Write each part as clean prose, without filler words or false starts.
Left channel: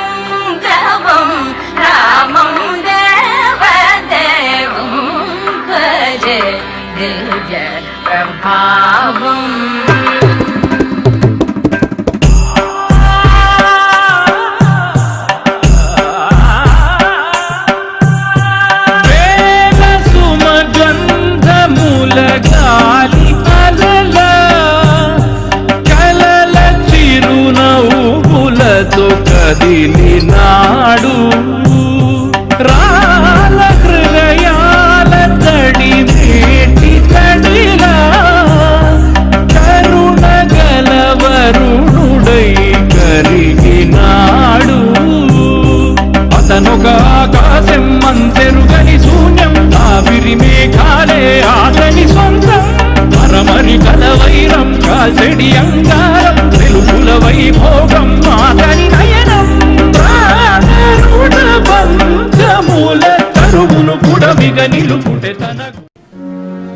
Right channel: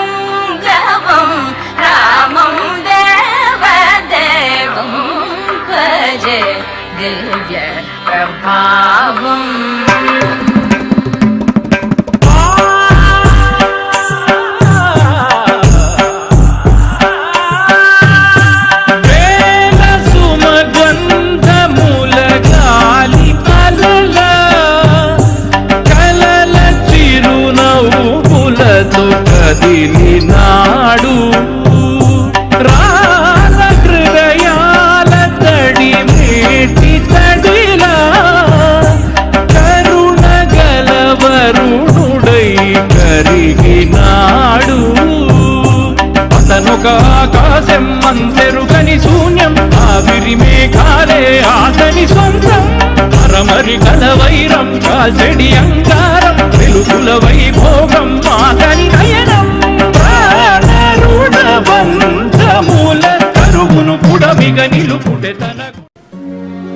रावणासुरवैरिरणपुङ्गवं रामं देवदेवं भजे दिव्य प्रभावम् గాలి అలల కలల చిరునవ్వులతో కదిలినాడు రాల హృదయాల తడి మేటి తడిలా కరుణ గలవరుణుడై కరిగినాడు అతనొక ఆకాశం అంతెరుగని శూన్యం ఆవిరి మేఘాలే అతని సొంతం మరమరి కలవైరం కాల్చెడి అంగారం వెలుగుల వైభోగం అతని నయనం ప్రాణరుడ బంధముల కరువును పుడమిగ నిలుపుటె తనకు.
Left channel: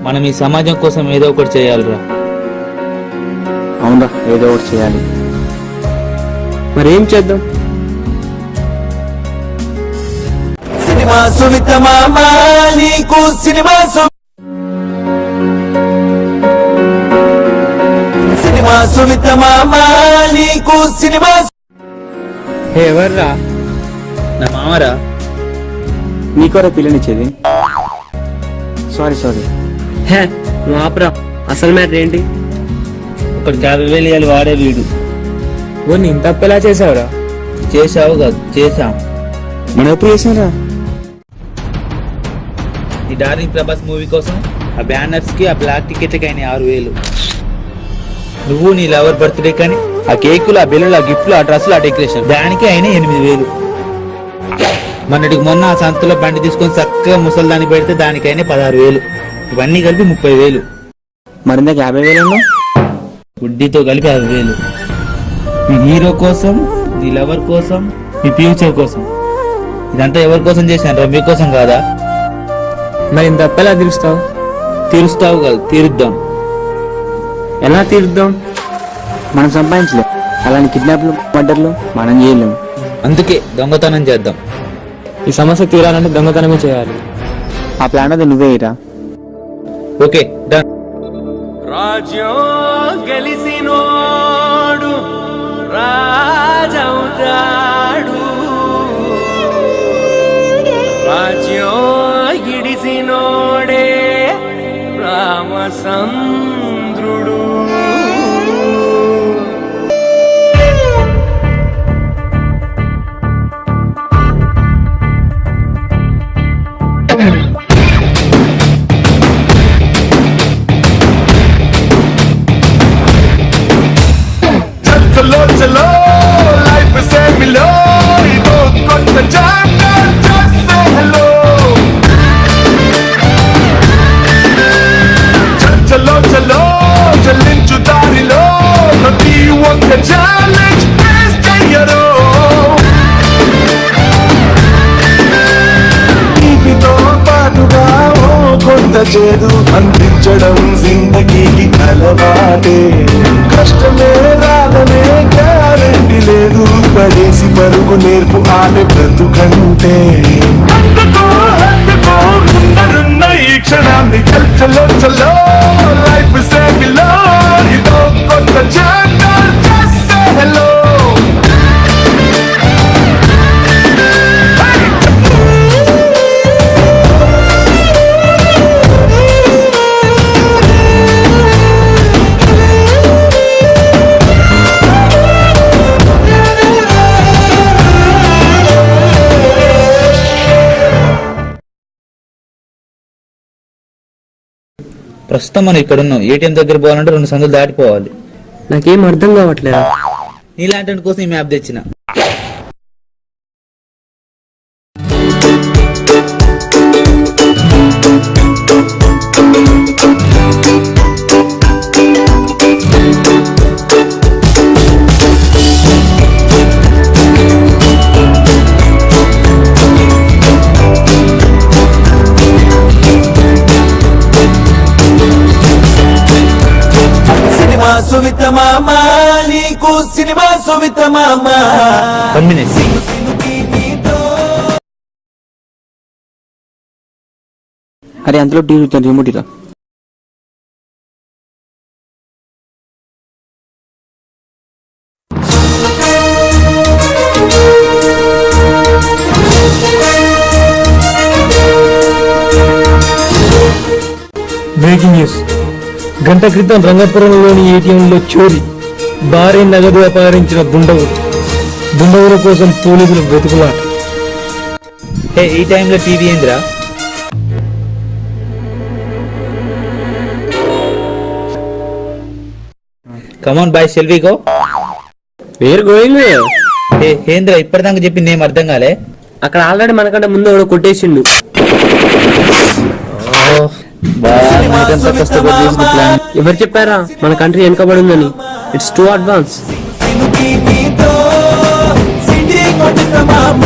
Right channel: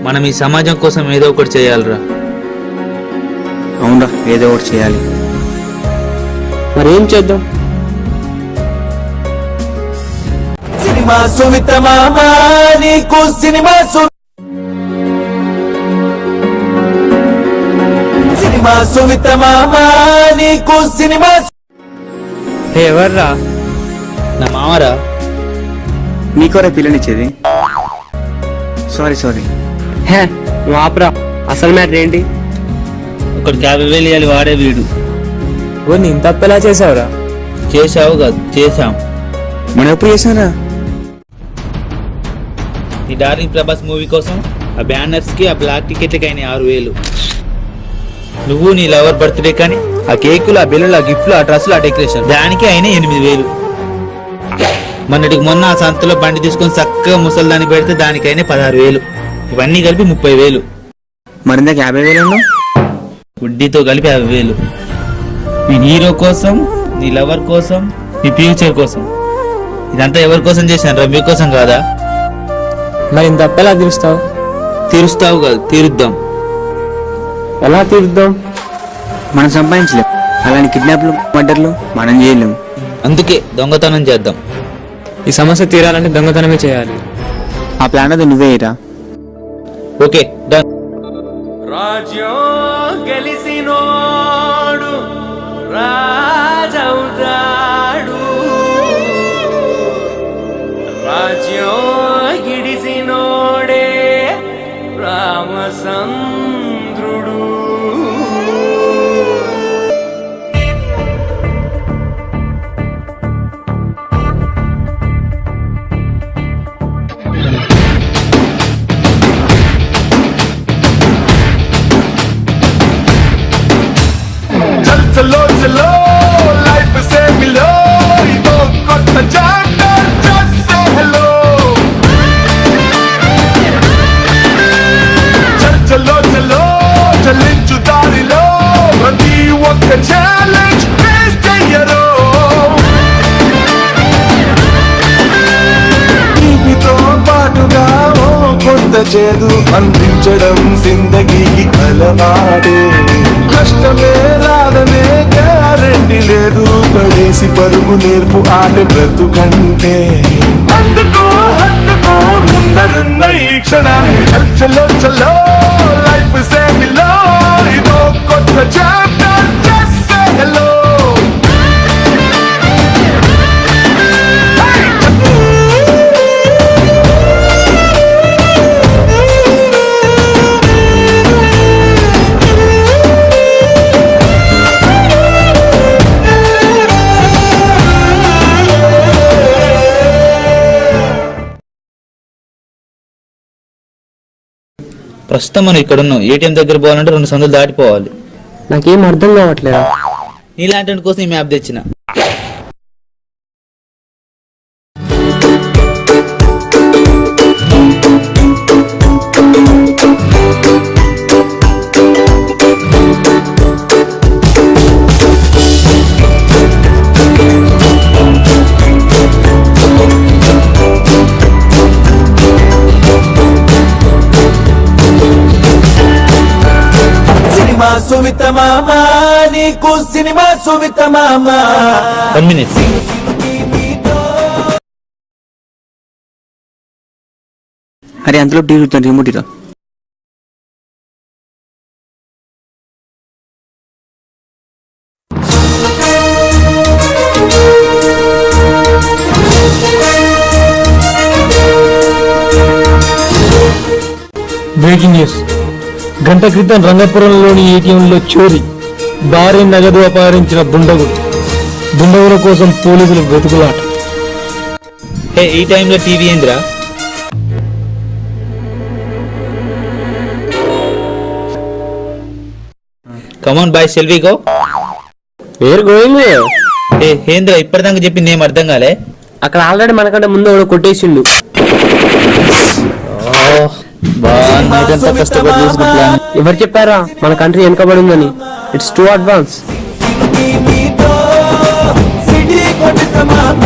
మనం ఈ సమాజం కోసం ఏదో ఒకటి చేయాలిరా. అవునరా, ఏదో ఒకటి చేయాలి. మరేం చేద్దాం? సినిమా సుమిత మామ నీకు సినిమా సుమిత మామ నీకు సినిమా. ఎవర్రా? నా మామరా. నీకోరే పిల్లనిచ్చేది. సారీ మాప్రా. అసలు మ్యాటర్ ఏంటి? ఒకటి 50,000 అని వాడే లేడు. నేను తప్పెలా చేసావురా? చేసావు కాదు, చేసావు. మనం ఎప్పుడు చేశారా? ఈ డార్లింగ్ ప్రభాస్ మూవీ కోసం ఆ బ్యానర్స్ కి ఆ బ్లాక్ టికెట్లకి అయినాయి 6,000. నువ్వు నీ లవర్ బర్త్డే కానీ ఆ కేకులు, ఆ బెలూన్లు, ఆ గిఫ్ట్లు, ఆ డ్రెస్సులు, ఆ డెకరేషన్ దానికి అయినాయి 8,000. మొన్నటికి మొన్న ఆ సంతలో పండి తీసుకొని చక్కగా ముసలిదానికి పెడితే దానికి అయినా 16,000. ఇవన్నీ కలిపి 30,000. మరిందాక 50,000 గుడ్డీతో కలిపి 60,000. నీ హీరో కోసం, నీ లవర్ కోసం, నీ ఫ్యూచర్ కోసం. ఇదంతా ఎవరి కోసం చేశాను? రవి కోసం కాదా? మరి తప్పెలా తీరుస్తావు? తీరుస్తావు కాదు, తీరుద్దాం. ఎలా తీరుద్దాం? మనం సంపాదించలేం. అలాంటి కిడ్నాప్లు, మర్డర్లు మనం చేయలేం. అందుకే దొంగతనం చేద్దాం. ఈ సమస్య తీరాలంటే దొంగతనమే చేయాలి. ఆ ప్లాన్ అది నువ్వేరా. ఓకే, రాజ్యం గెలిసినోడు రాజవుతాడు, రాజ్యం గిడిసినోడే రామచంద్రుడు. చలో చలో లైఫ్ సే మిలో ఇదో కొత్త చాప్టర్ జస్ట్ సే హలో. చలో చలో చలించు దారిలో ప్రతి ఒక్క ఛాలెంజ్ ఫేస్ చెయ్యరు. తీపితో పాటుగా ఓ కొంత చేదు అందించడం జిందగీకి అలవాటే. కష్టమే రాదనే గ్యారెంటీ లేదు, పడేసి పరుగు నేర్పు ఆట బ్రతుకంటే. అందుకో హత్తుకో ముందరున్న ఈ క్షణాన్ని. చల్లో చల్లో లైఫ్ సేమిలో ఇదో కొత్త చాప్టర్ జస్ట్ సే హలో. ప్రస్తుతం మనం ఇక్కడ ఉన్నాం. ఏటీఎం దగ్గర పోవాలంటే 2 సందులు దాటిపోవాలి. నాకేం అర్థం కావట్లేదు. నీలాంటి కోసం ఈ మ్యాప్ తెచ్చిన. సినిమా సువిత మామ నీకు సినిమా సువిత మామ అరే అందులో రిమోట్ ఇరా. Breaking news. గంట క్రితం రంగపురంలోని ఏటీఎంలో చోరీ. భారీ నెలకు అపహరించిన బృందం. నిందితుల కోసం పోలీసులు వెతుకులాట. ఈ టైంలో టీవీ ఏంటా? కమాన్ బాయ్ సెల్వీకో. పేరు గోవింద్. ఏంద్రా ఇప్పటిదాకా చెప్పింది ఏం అర్థం కాలే? అక్కడ ఆల్రెడీ మనకంటే ముందు మనం కొట్టేసిండు. సినిమా సువిత మామ ఎవరు చెప్పారా మన కంట్రీ వెనకబడిందని? It's too advance. సిటీ కొట్ట మామ